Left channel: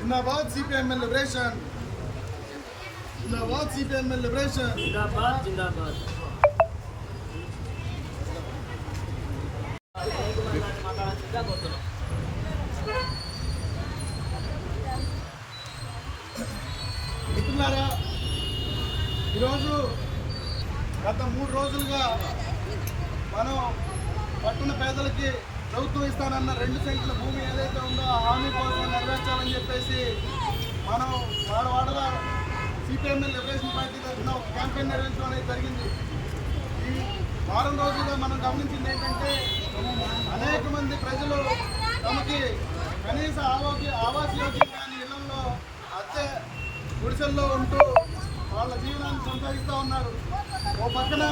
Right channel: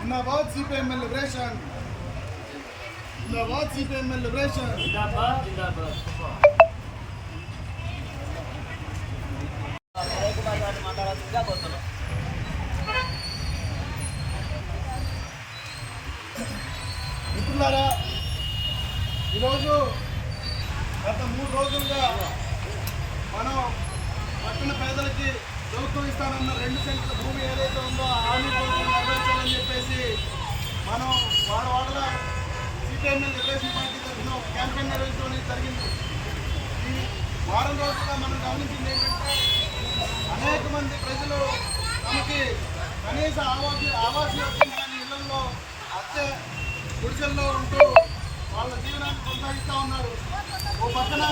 జిందాబాద్ CPM liberation జిందాబాద్ CPM liberation జిందాబాద్ జిందాబాద్ మిత్రులారా ఈరోజు గత మూడు రోజులుగా మనం పట్టణ పేదలకి ప్రభుత్వం ఇస్తానన్న రెండు సెంట్ల భూమి ఏదైతే ఉందో హామీ కోసం సిపిఐఎంఎల్ లిబరేషన్ పార్టీ తరఫున ఒక క్యాంపెయిన్ నిర్వహించడం అనేది జరిగింది. ఈ వారం రోజులుగా మనం గమనించింది ఏంటంటే అనేక మంది ప్రజలు తమకి కనీస ఆవాస ఆవాస యోగ్యం కాని ఇళ్ళలో అద్దె గుడిసెల్లో ఉంటూ వాళ్ళ జీవనాన్ని కొనసాగిస్తూ ఉన్నారు. ఓ పక్కన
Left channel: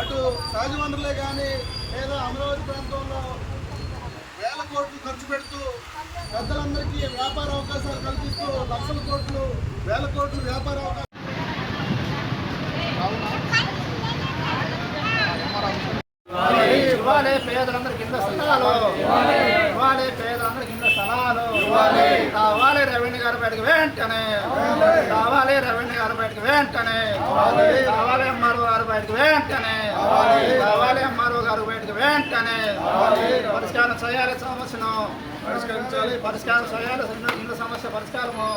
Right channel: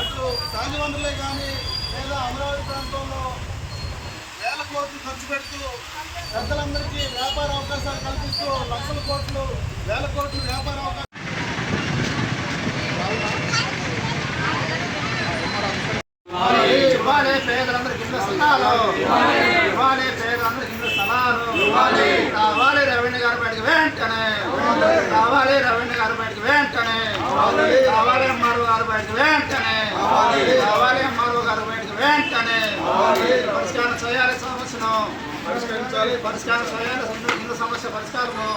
అటు సహజ వనరులే కానీ లేదా అమరావతి ప్రాంతంలో వేల కోట్లు ఖర్చు పెడుతూ పెద్దలందరికీ వ్యాపార అవకాశాలు కల్పిస్తూ లక్షల కోట్లు వేల కోట్లు వ్యాపార పేదలందరికీ స్థలాలు పేదలందరికీ స్థలాలు కావాలి బయటకు వెంటనే కావాలి రెవెన్యూ గారి బయటకు వెంటనే కావాలి బయటకు వెంటనే కావాలి బయటకు వెంటనే పరిష్కారం చేయాలి సమస్యను పరిష్కరించాలి పరిష్కారం చేయాలి సమస్య పరిష్కారము